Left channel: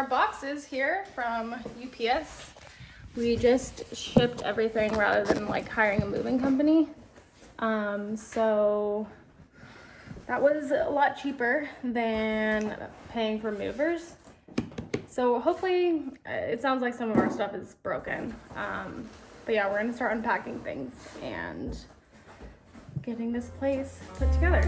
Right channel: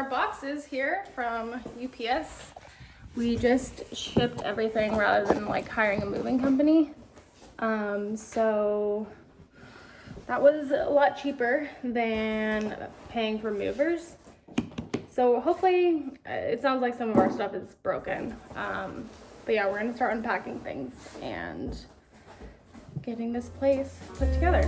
our boxes here from UPS. We just shipped everything rather than like hiring a moving company. So that was a lot cheaper than paying for movers. So hopefully, it sounds like some of our stuff is broken. But yeah, we're gonna start unpacking things and getting this place put together.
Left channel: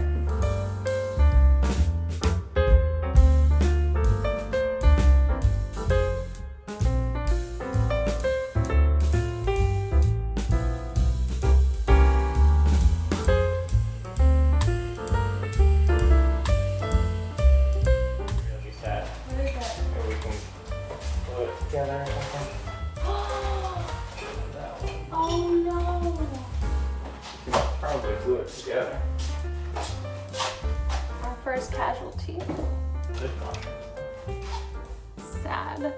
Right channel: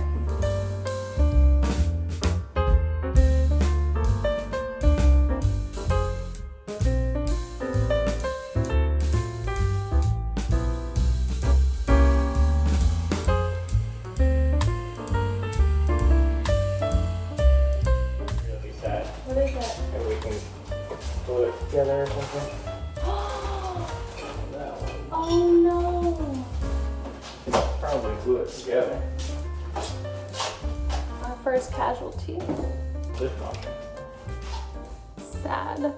Together or something. Oh no! Probably glue it together. Our first casualty. Dishwasher. Sad.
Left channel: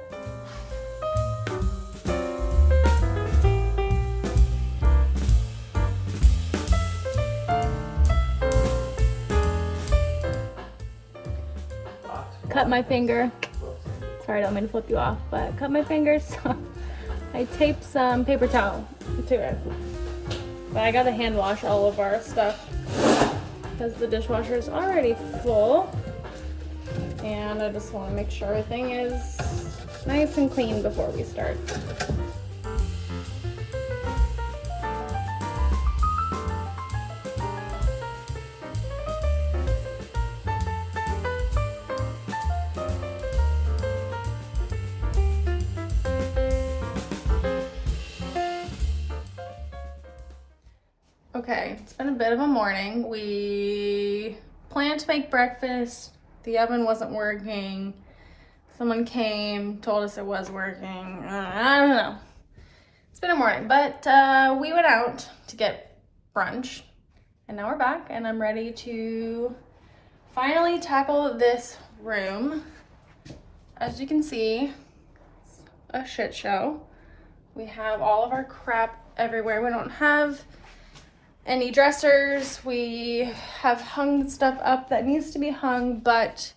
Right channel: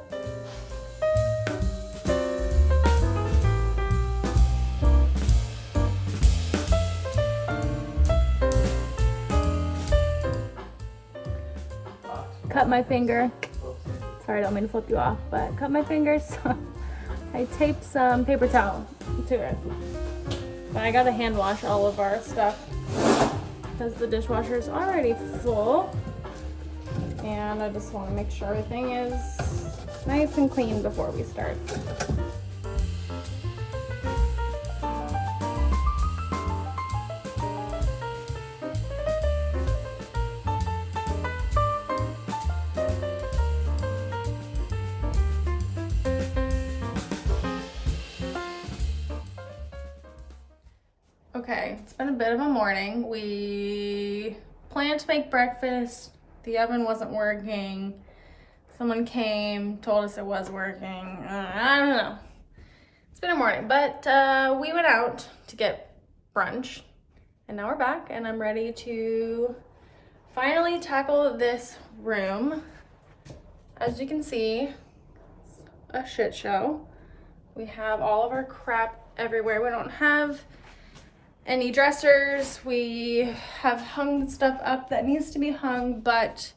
Cut my finger. Sorry, I don't mean to flip you off, but cut my fingers. So I taped some paper towel to it. But I gotta hand wash all of our stuff because the dishwasher is already full. And I just want to make sure everything is nice and clean before we start. Okay, it's been a bit of a morning. We planned to make breakfast. The oven wasn't working. Someone came, told us it was working. I don't know. It's been a morning, but we went out to get brunch. And now we're back, and I'm ready to finally tackle this room. As you can see, it's a shit show. We have all of our crap everywhere. We don't have any dressers. We have hung stuff up that needs to be hung, but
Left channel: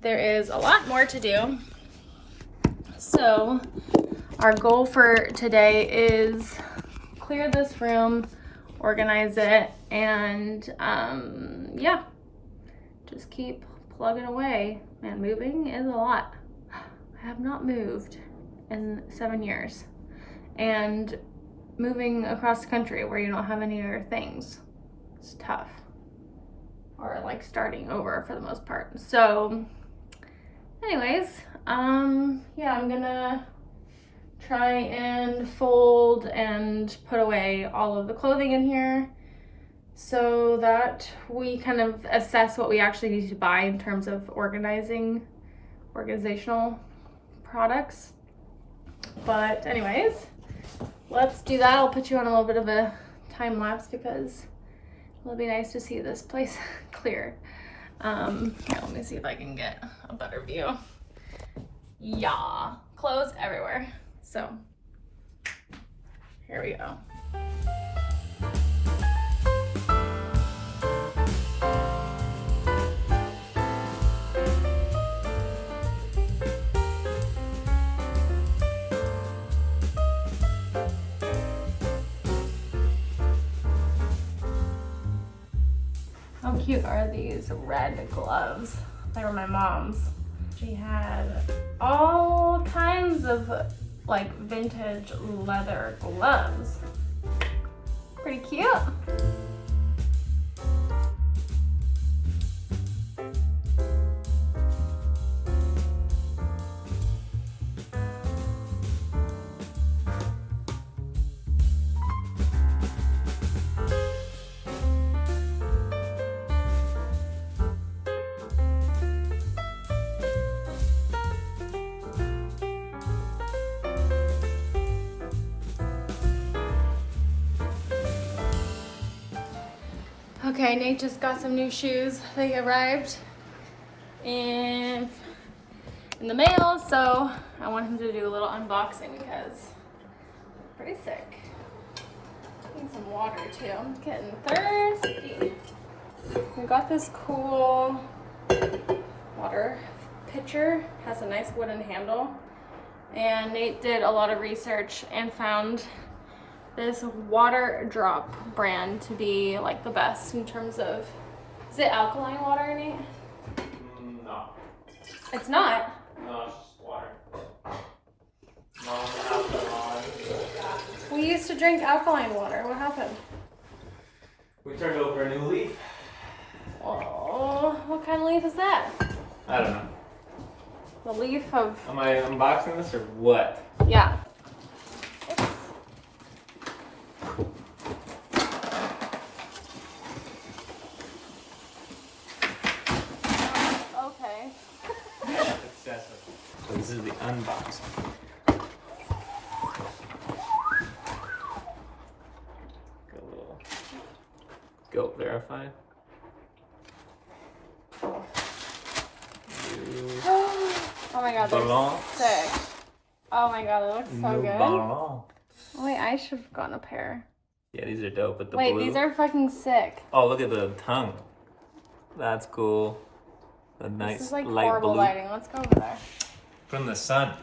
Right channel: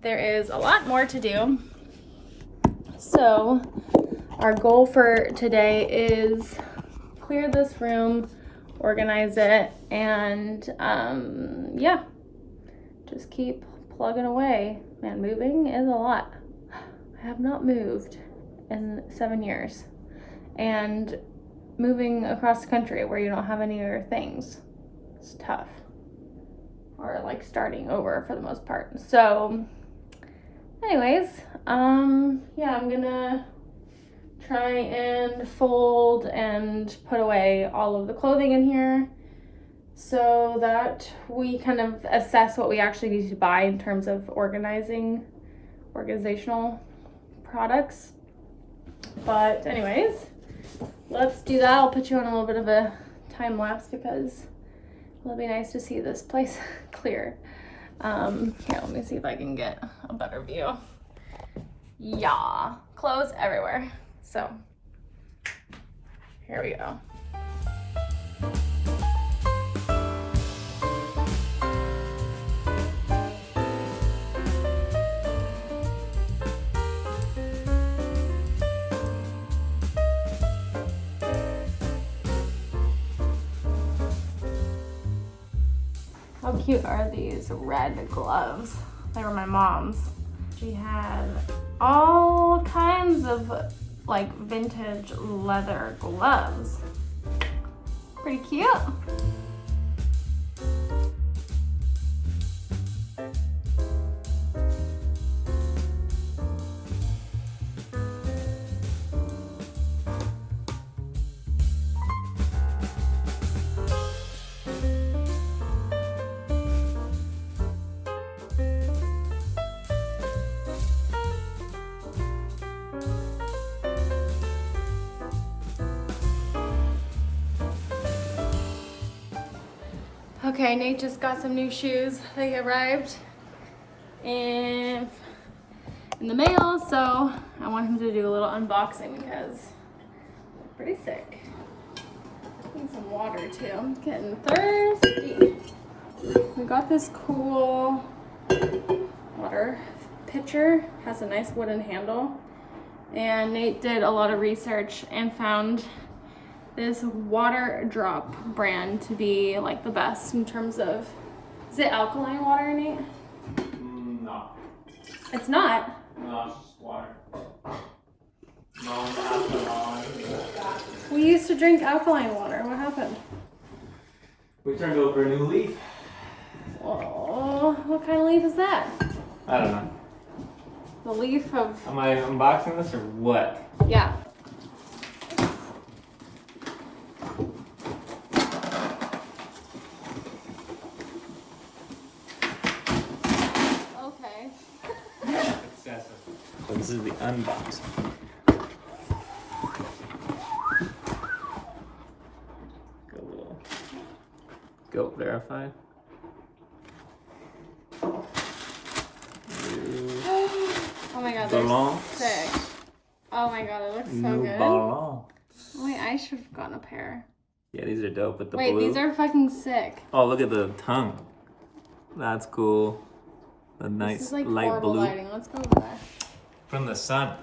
there is a lot more to do. So our goal for today is clear this room, organize it, and yeah, just keep plugging away. Man, moving is a lot. I have not moved in 7 years, and moving across the country where you don't have any other things, it's tough. Or like starting over for the most part. So anyways, yeah, I'm gonna try and fold and put away all of the clothing in here so that we kind of assess what we actually need to buy in terms of organizational products. But anyways, let's do that. I'll put you on a little bit of a time lapse because it'll be nice to see this place clear. Yeah, let me see if I can get a better view. Yeah, clothes everywhere. So here we go. How cute are these red gloves? They were my mom's. She had all kinds of like vintage leather gloves. Pretty cute. Okay, Nate just got some new shoes. They arrived in the mail, so I want him to do a little unboxing because I'm pretty sick. Need some water too. I'm getting thirsty. We got this cool water pitcher. Has a nice wooden handle. And Nate did a lot of research and found this water drop brand to be like the best in terms of, is it alkaline water, Nate? No. It's not. No, it's just water. No, alcohol. We used to drink alkaline water. What happened? We turned over a new leaf. Oh, what kind of leaf is that? I don't know. The leaf of... Am I unboxing this or what? Yeah. Okay. Excessive. So this is the unboxing. Got a little goat verified. Oh my god, they're Ballon. sick. Oh my god, it looks so good. Ballon. Oh, wait, I should have gotten a pair. Yeah, these are dope with the Wait, blue. these are fucking sick. Oh, look at the tongue. That's cool. The This nice is like light horrible blue. lighting. Let's go over there. From the sun.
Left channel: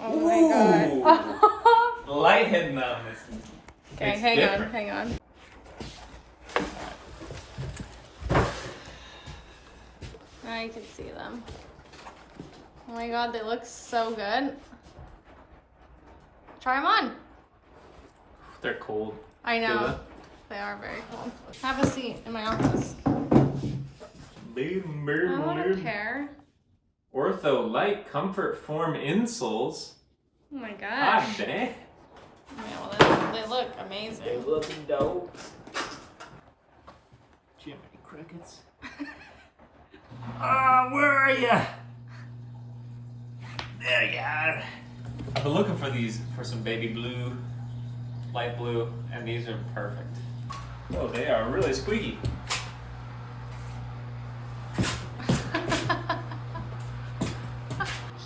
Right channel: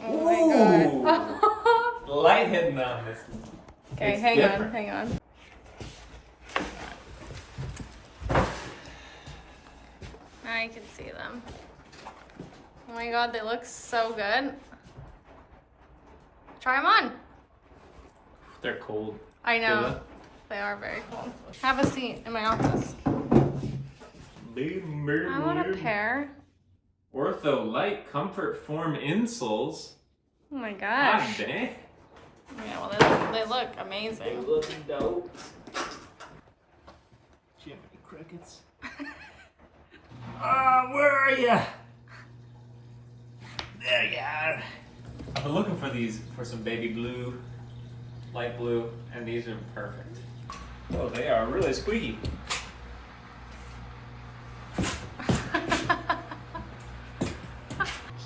Oh my god. The light hitting on this. Okay, It's hang on, different. hang on. Now you can see them. Oh my god, they look so good. Try them on. They're cold. I Feel know. that? They are very cool. Have a seat in my office. I want a pair. Ortho Light Comfort Form insoles. Oh my God gosh. dang. Yeah, well, they look amazing. looking dope. Jiminy Crickets. Where are ya? There you are. I've been looking for these, for some baby blue, light blue, and these are perfect. Oh, they are really squeaky.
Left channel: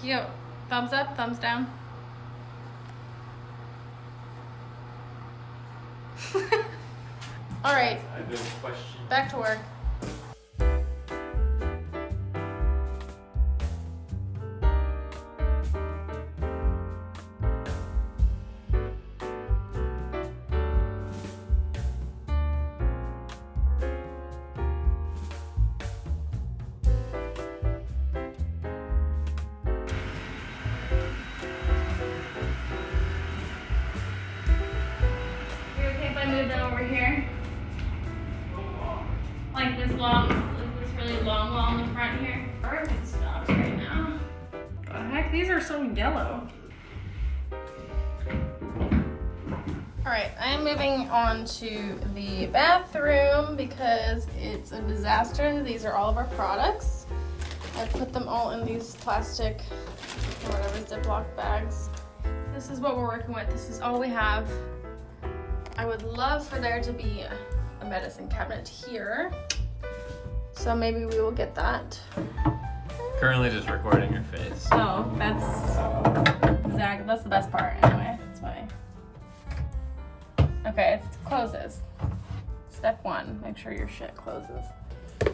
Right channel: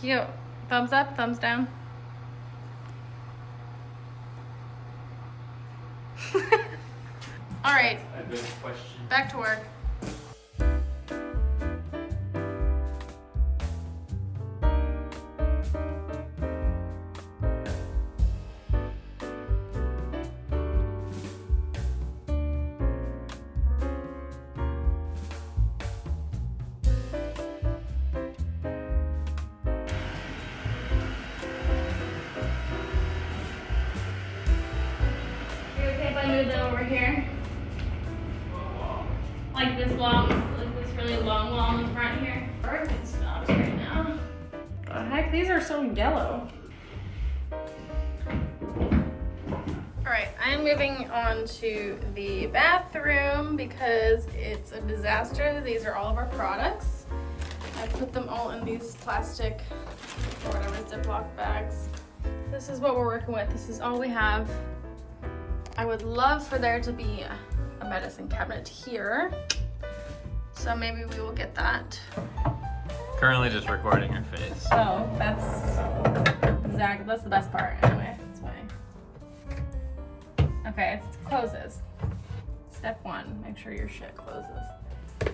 Cute. Thumbs up, thumbs down. All right, A good question. back to work. You okay if I move that over here? Like this long, like this really long wall in the front here. Perfect stops right now. The heck, these are so yellow. All right, I am moving on to the bathroom because it's a disaster. These are all of our products. I put them all in these plastic or whatever Ziploc bags. This is what we're working with. This is all we have. I would love for there to be a medicine cabinet here. So maybe we will get that. Currently just recording your face. Oh, that's the best part anyway. That's why. Okay, it closes. Step 1, make sure your shit closes.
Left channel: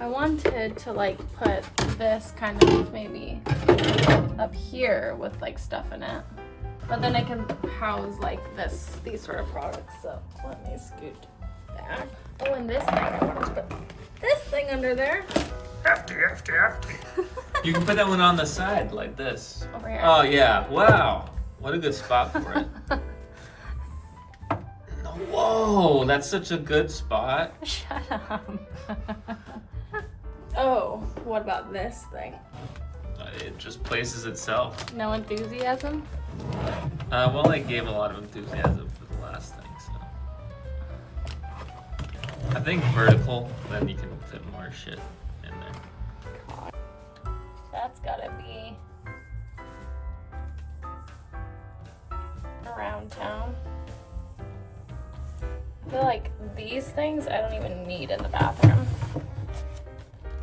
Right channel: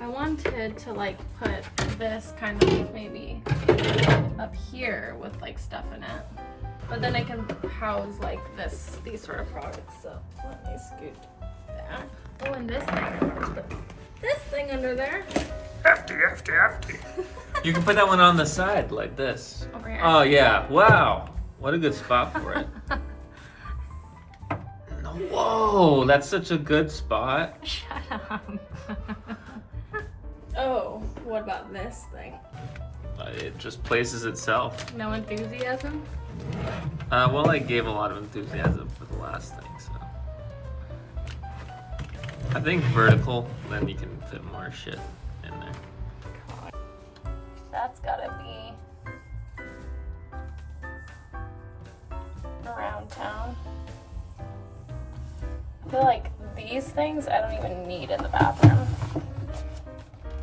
I wanted to like put this kind of maybe up here with like stuff in it. But then I can house like these sort of products. So let me scoot that. Oh, and this thing. I want to put this thing under there. Hefty. You can put that one on the side like this. Over here. Oh yeah, wow. What a good spot for it. Whoa, that's such a good spot. Shut up. Oh, what about this thing? It just places itself. No enthusiasm? Well, I gave a lot of enthusiasm for the last thing, so. I think vertical, then you can fit more shit in there. That's gotta be around town. I feel like these things I don't even need in the bathroom.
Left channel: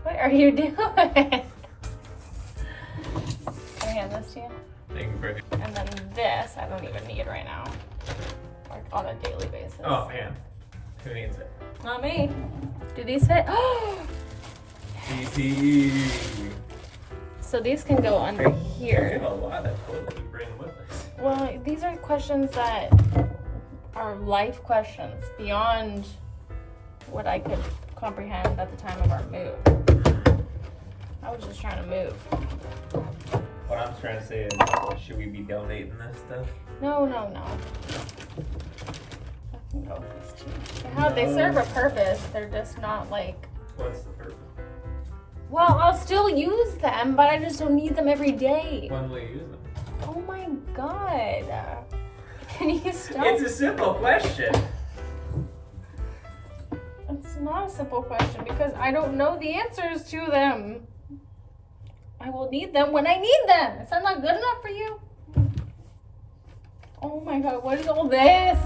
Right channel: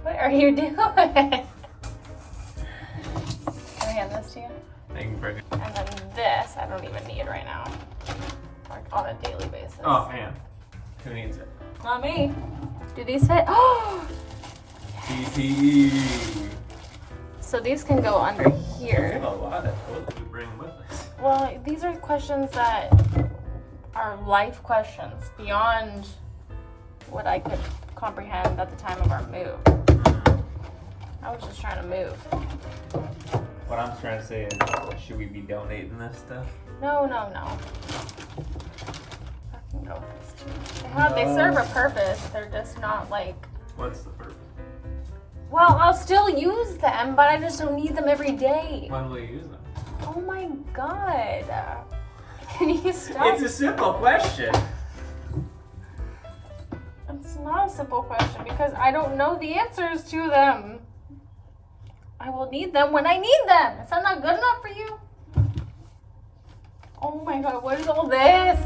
What are you doing? Can I hand this to you? Thank you very much. And then this I don't even need right now. Like on a daily basis. Oh man, who needs it? Not me. Do these fit? Oh! PP. So these can go under We here. have a lot of toilet to bring with us. Well, these are questions that are life questions beyond what I could comprehend at the time of our move. I was just trying to move. What I'm trying to say is, should we be donating this stuff? No. I can go with these two. They serve a purpose. They're just not like. What's the purpose? Well, I'll still use them, but I just don't need them every day. When will you use them? Oh my god. Can you stop? It's a simple question. It's not a simple question because I don't know the answers to them. I will need them when I need them. Is that not good enough for you? Oh my god, what is all this?